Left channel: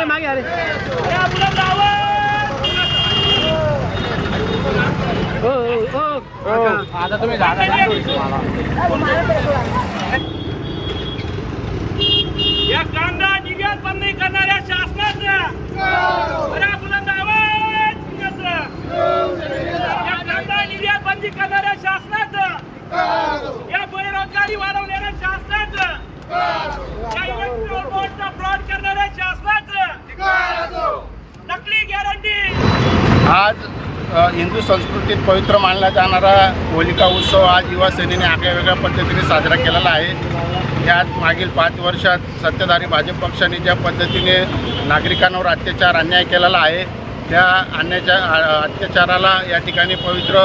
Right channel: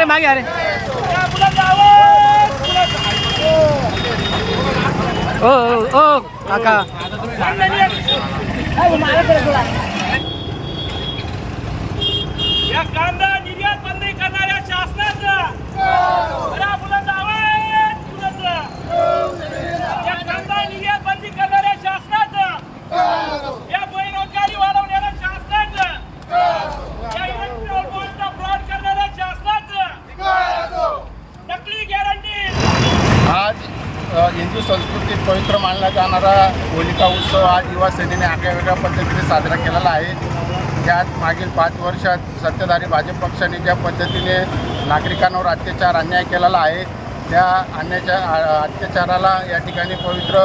अरे मागे अरे. ओ ओ काका. या कांदा निर्यात बंदी करणाऱ्या शासनाचं बऱ्या बुलंद आवाज कुणाचं? या कांदा निर्यात बंदी करणाऱ्या शासनाचं या बेरोजगारी वाढवणाऱ्या शासनाचं या इलेक्ट्रॉल बॉन्डचा फ्रॉड करणाऱ्या शासनाचं नकली गॅरंटी आज अ, हिंदू संस्कृतीत पवित्र मानला जाणारा होलिका उत्सव आज युवा सेनेने आगळ्या वेगळ्या पद्धतीने साजरा केलेला आहे. यात मागील पाच वर्षात सत्ताधारी भाजप पक्षाने ज्या पद्धतीने नागरिकांवर अत्याचार अन्याय केलेला आहे त्या अन्याच्या अत्याचाराला या ठिकाणी पवित्र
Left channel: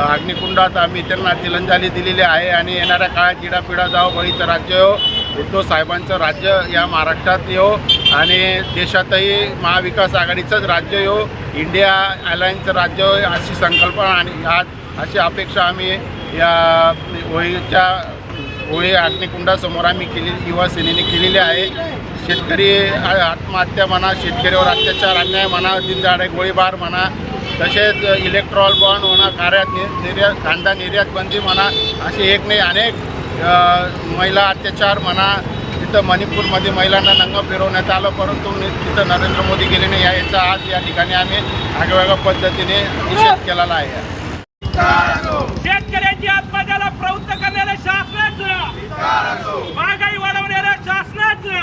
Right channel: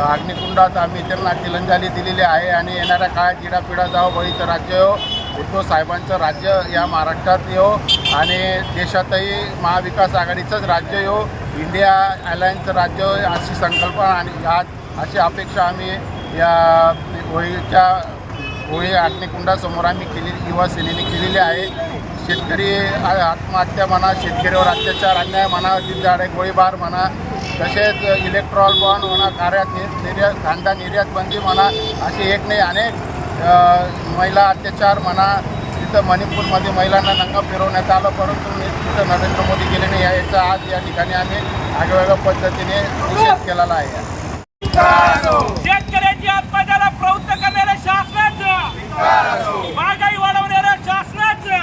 अग्निकुंडात आम्ही त्यांना तिलंजाली दिलेली आहे आणि येणाऱ्या काळात जिडापिडा जाओ बळीचं राज्य हो उद्धव साहेबांचं राज्य या महाराष्ट्रात येऊ आणि देशातही महाविकास आघाडीचंच राज्य येऊ इंडिया अलायन्सचं राज्य अशी संकल्पना आणि आज अशी अपेक्षा आम्ही या होळीच्या होळी अग्निकुंडासमोर आम्ही केली युवा सेनेने केलेली आहे. शेतकरी आत्महत्या म्हणा शेतकऱ्यावर अत्याचार अन्याय म्हणा दिनदाडे गोळीबार म्हणा तसेच इलेक्ट्रॉल बॉन्ड म्हणा कार्यात निर्यात कांदा निर्यात बंदी म्हणा असे एक नाही अनेक महिला अत्याचार म्हणा तिथं मणिपूरमध्ये महिलांना नंग फिरवण्यात आलं परंतु तिथं नरेंद्र मोदी गेले नाही. याचा आज या ठिकाणी आम्ही आगळ्या पद्धतीने निषेध केलेला आहे. शेतकऱ्यांची आत्महत्याला प्रवृत्त करणाऱ्या शासनाचं. महागाई वाढवणाऱ्या शासनाचं.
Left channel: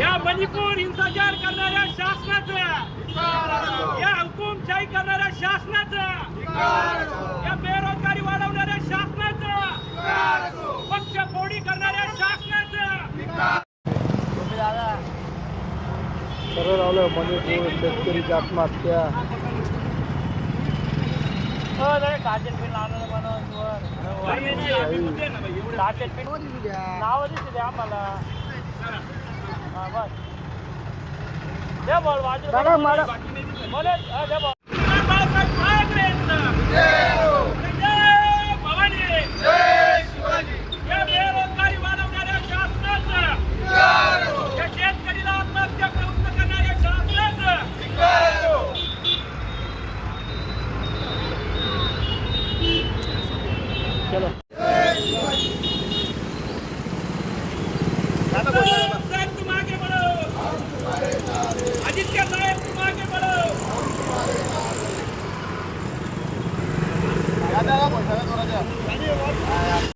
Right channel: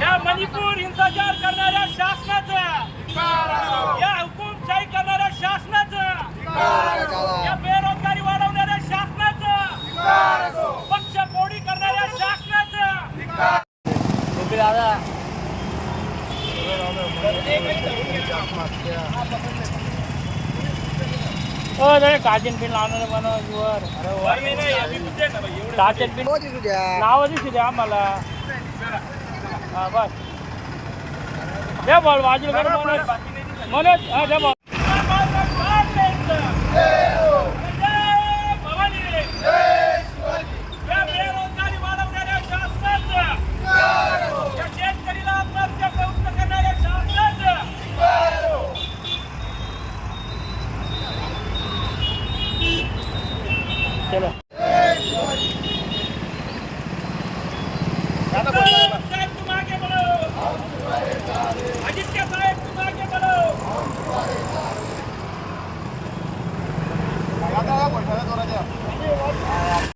या मणिपूर हिंसाचार करणाऱ्या शासनाचा. या या बेरोजगारी वाढवणाऱ्या शासनाचं. पक्ष फोडी करणाऱ्या शासनाचं. नाव दिसू द्या. आम्हाला. हा, बस. द्या बॉल बाजूला मनोज हा, द्या बॉल. बाळासाहेब ठाकरेंचं. जय भवानी. या बेरोजगारी वाढवणाऱ्या शासनाचं. या शेतकरीला आत्महत्या प्रवृत्त करणाऱ्या शासनाचं. साहेब तुम आगे बढ़ो आदित्य साहेब तुम आगे बढ़ो